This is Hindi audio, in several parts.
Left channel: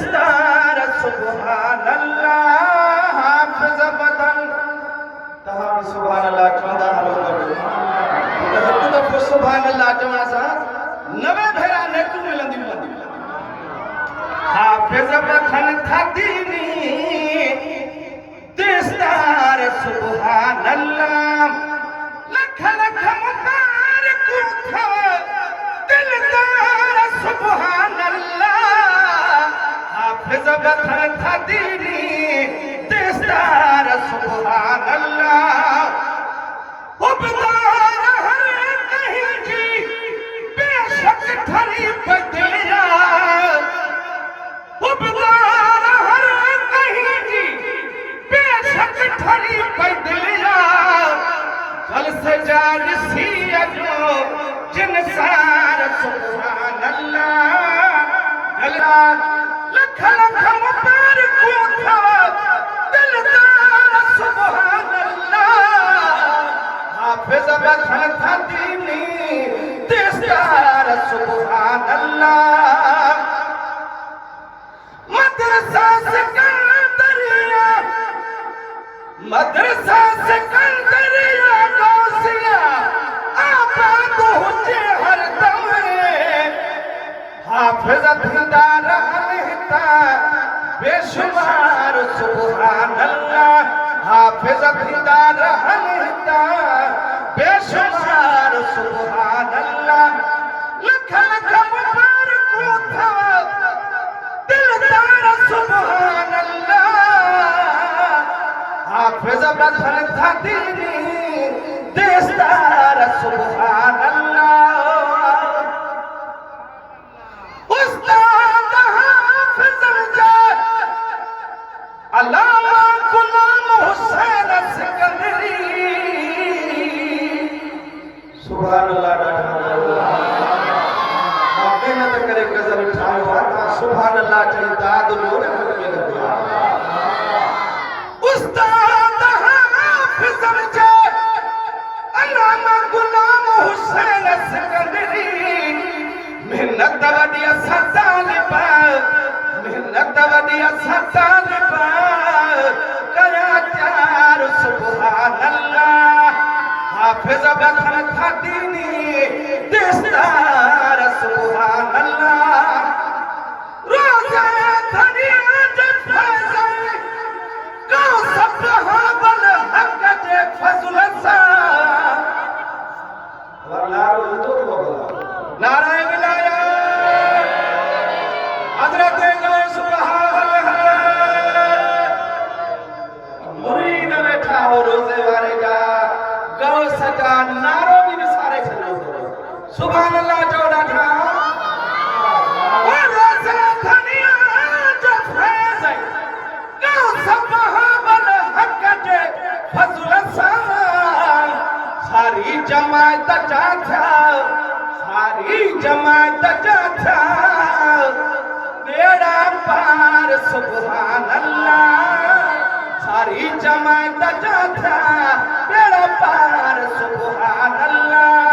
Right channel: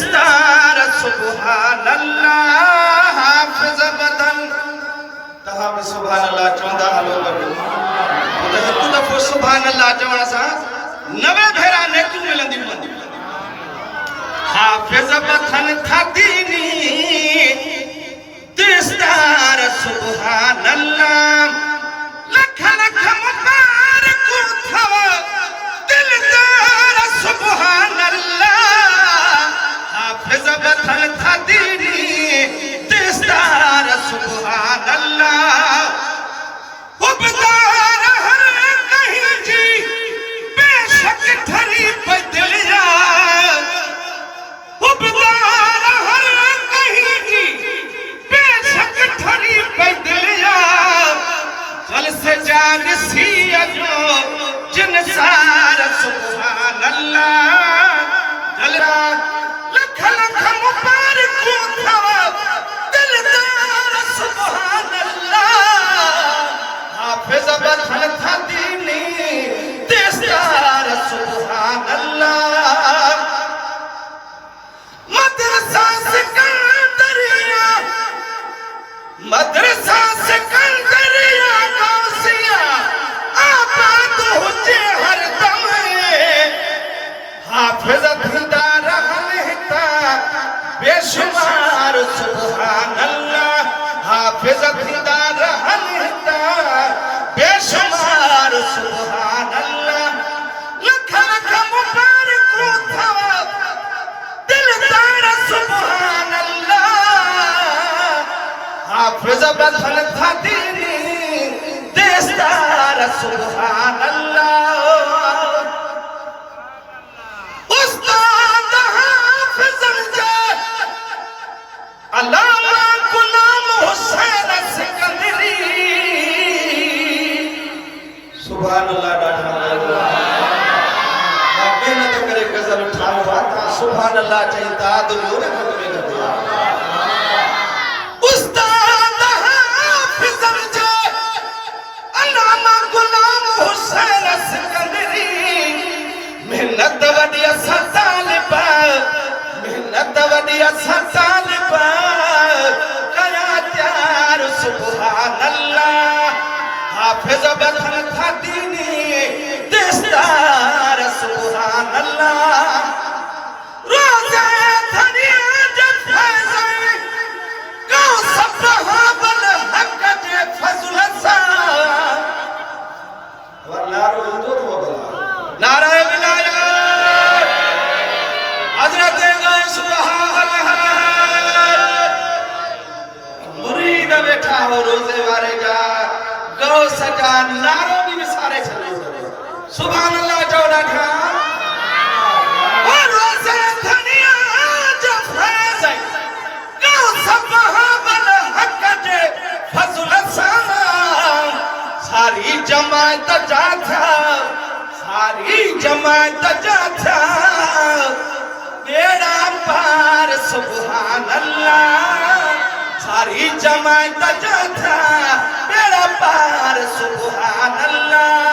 दिस्तार सुभान अल्लाह हाफिज बदन तहां भी सुभान अल्लाह चवंदा हलो गॾु त हिकु दफ़ो सुभान अल्लाह चवण सां 90 भेरा नेकियूं मिलंदियूं हाफिज बदन थदीनी दिस्तार सुभान अल्लाह लख लख मुबारकूं थव दिलदार सुभान अल्लाह हाफिज बदन थदीनी दिस्तार सुभान अल्लाह उबदार हर कहीं जी बेशक ठरी बदलिया उबदार हर कहीं जी बेशक ठरी बदलिया जल से जाग सी अजो जिनसार सुभान अल्लाह जलरा लख लख मुबारकूं थव दिलदार सुभान अल्लाह हाफिज बदन थदीनी दिस्तार सुभान अल्लाह मदरसा सिकंदरिया गौसिया आबाद हुजे हर दम हाफिज थींदा रहनि हिता बेशुमार सुभान अल्लाह हाफिज थींदा रहनि हिता बेशुमार सुभान अल्लाह लख लख मुबारकूं थव दिलदार सुभान अल्लाह हाफिज बदन थदीनी दिस्तार सुभान अल्लाह उस्ताद हाफिज अल्लामा गुलाम हुसैन सिकंदरी सुभान अल्लाह मेहनत करे गज़ल उठायो आहे सुभान अल्लाह चईंदा दुनिया रे घट में घट उस्ताद हाफिज अल्लामा गुलाम हुसैन सिकंदरी मेहनत वडी असां तालिब कया त्यार सुभान अल्लाह हाफिज बदन थदीनी दिस्तार सुभान अल्लाह रोज़े धनिया जब फैज़ को सब्हाबल हक जे फज़ल सां वल्लाह रोज़ो तो नारे विलायत हज़रत मुरीद बैठा हो रोज़े वारे जा गौ सजा नारो भी विसारे छले सुभान अल्लाह चौड़ा था वो रोज़े धनिया जब फैज़ गौ सब्हाबल हक जे फज़ल सां सारी जमात जा था बेड़ा पार सुभान अल्लाह सारी जमात जा था बेड़ा पार सुभान अल्लाह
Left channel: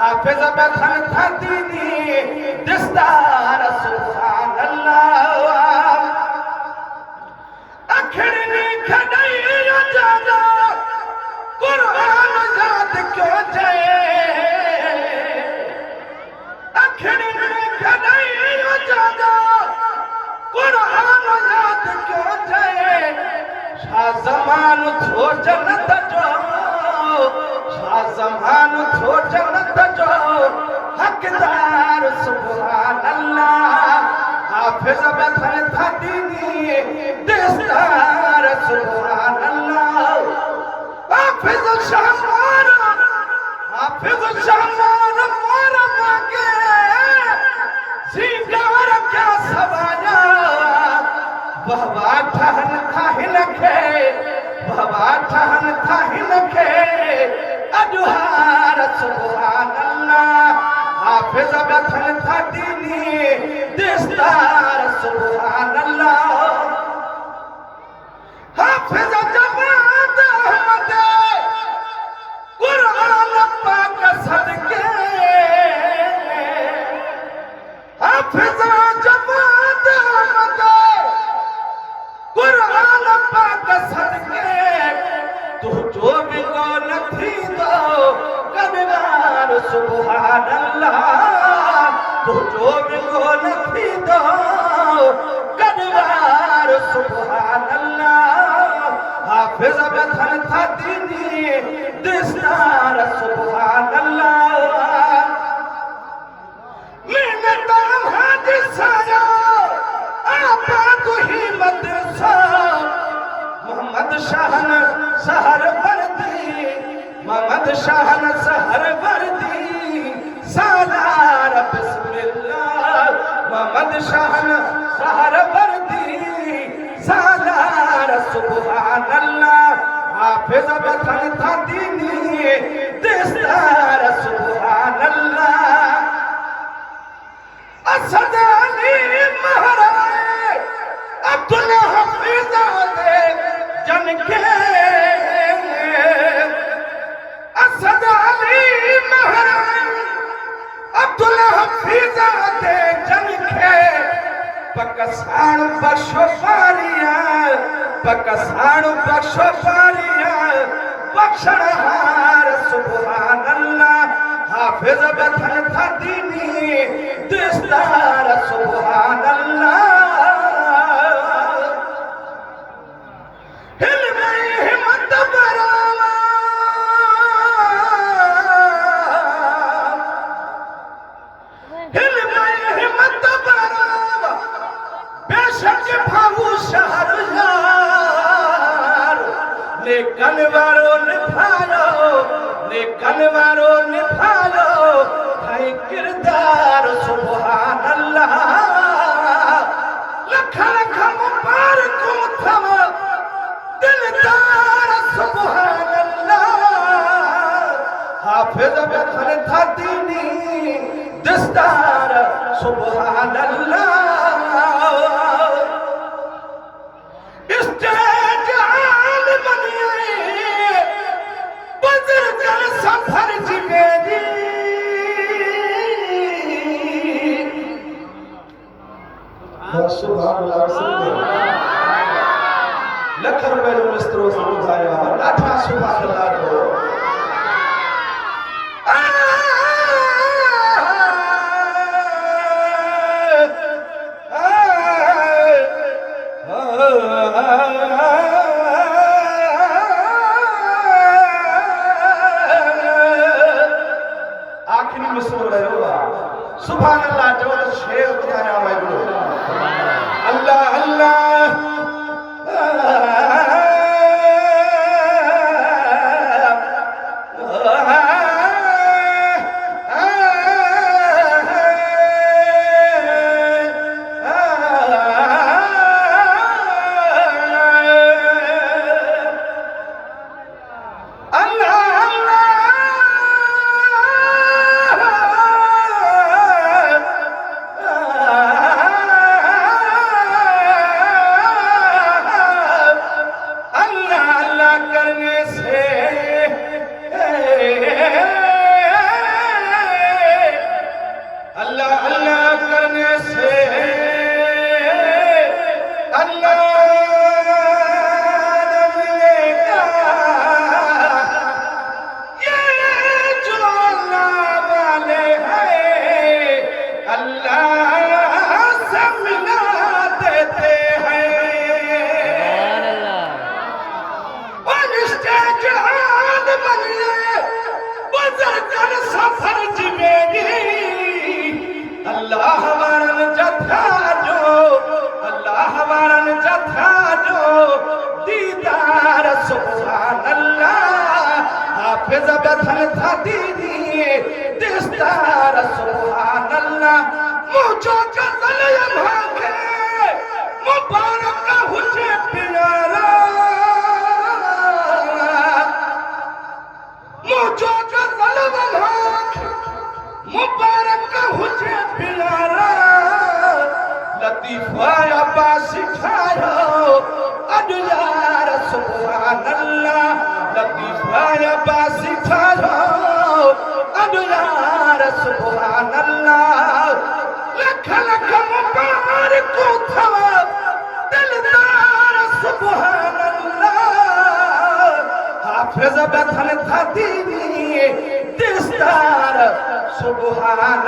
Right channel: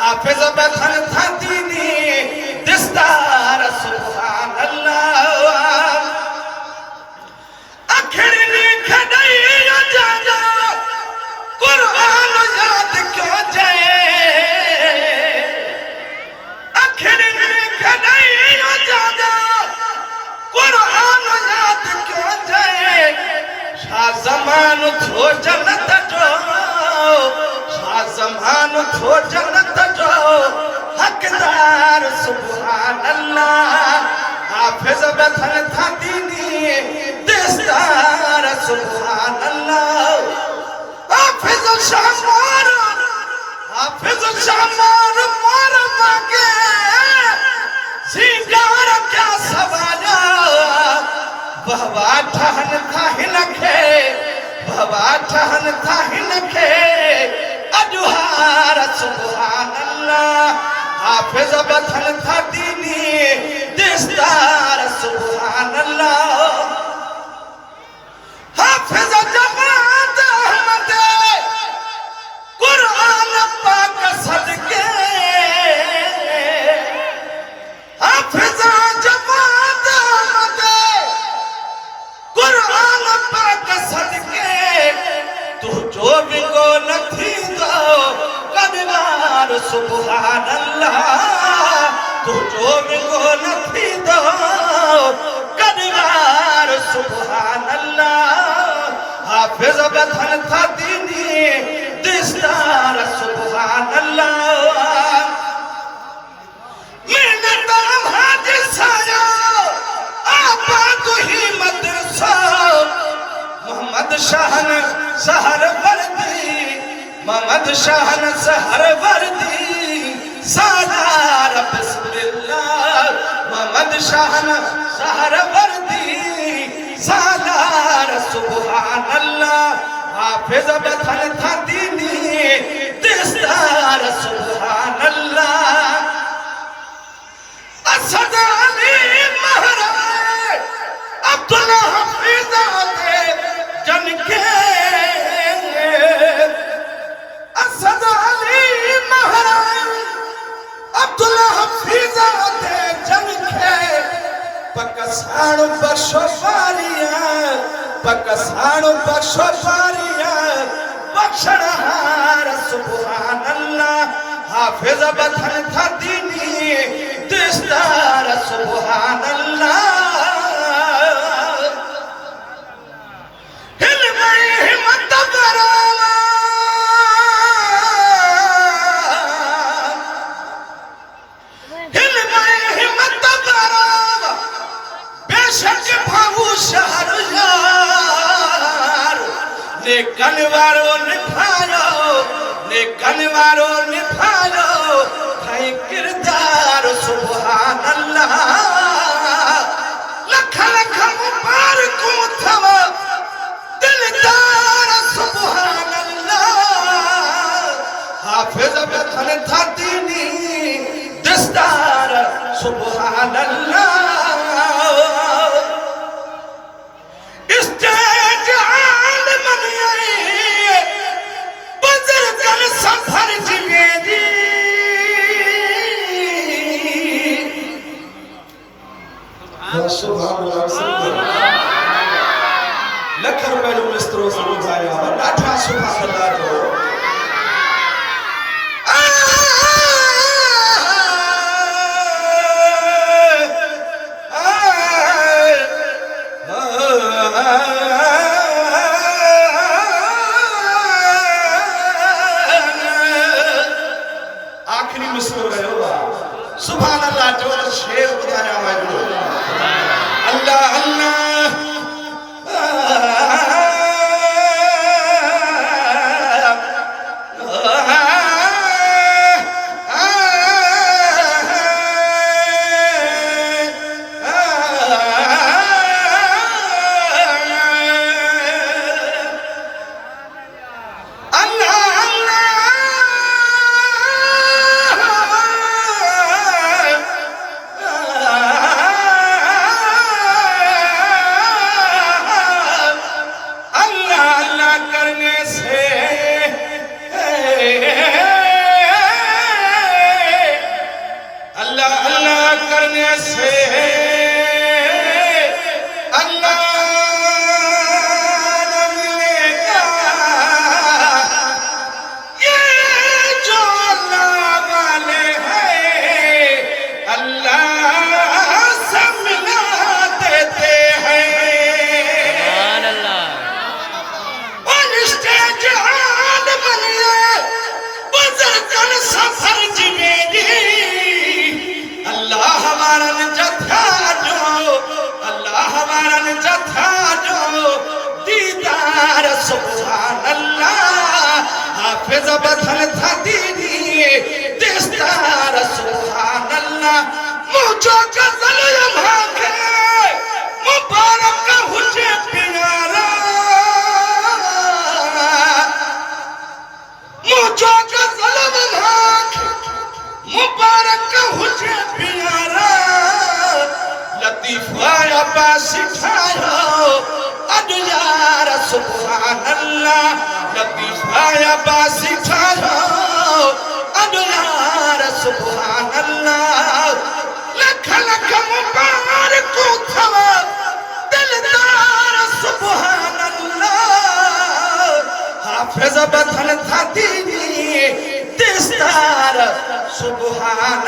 हाफिज बदन थदीनी दिस्तार सुभान अल्लाह अखिड़नी खड़ई जादा कुरान याद क्यों जाए अखिड़नी खड़ई जादा कुरान याद क्यों जाए शाह ज़मान थो जन्नत जो शाह ज़मान थो जन्नत जो हकदार सुभान अल्लाह हाफिज बदन थदीनी दिस्तार सुभान अल्लाह हाफिज शामार मोर मांगे सिंगार क्या सवाजा बाबा ठहन था हिनखे अजुहार सुभान अल्लाह हाफिज बदन थदीनी दिस्तार सुभान अल्लाह हाफिज जमात अहमद कुरान पाक सदके हाफिज जमात अहमद सुभान अल्लाह तू जोर को नथी दो कनवार सुभान अल्लाह हाफिज बथन था दीनी दिस्तार सुभान अल्लाह मैंने नाम हादिसाया आपा तू ही मदरसा मोहम्मद शाहन सहर वर्दी मोहम्मद शाहन सहर वर्दी सालार बिस्मिल्लाह मोहम्मद शाहन सहर वर्दी सालार सुभान अल्लाह हाफिज बथन था दीनी दिस्तार सुभान अल्लाह असद अली महाराज अब्दुल हफीज दे जन के असद अली महाराज अब्दुल हफीज दे जन के पकसाण बख्शो बारिया बख्शनहार सुभान अल्लाह हाफिज बथन था दीनी दिस्तार सुभान अल्लाह हिल गई हिम्मत बरावा हिल गई हिम्मत बरावा बेशक भाऊ शहर यार ने कनवारो निभायो भाई किरदार सुभान अल्लाह लख लख मुबारक थव दिलदार सुभान अल्लाह हाफिज बथन था दीनी दिस्तार सुभान अल्लाह स्टेज आल मनिए बुजुर्गन सफर जिगेदी सुभान अल्लाह लख रुपए जो मिस्त्रो समझाया ॾाढा सुभान अल्लाह जो आखिरी मिस्त्रो रहो सुभान अल्लाह जो शेर बुधाया वाहिगुरु अल्लाह अल्लाह हाफिज बथन था दीनी दिस्तार सुभान अल्लाह मुझो गजल भागे मुबारक हुजे प्यारा मुझो गजल भागे मुबारक हुजे प्यारा लतीफा अब्बास सिखायो अद यार सुभान अल्लाह लतीफा अब्बास सिखायो अद यार सुभान अल्लाह लख लख मुबारक थव दिलदार सुभान अल्लाह हाफिज बथन था दीनी दिस्तार सुभान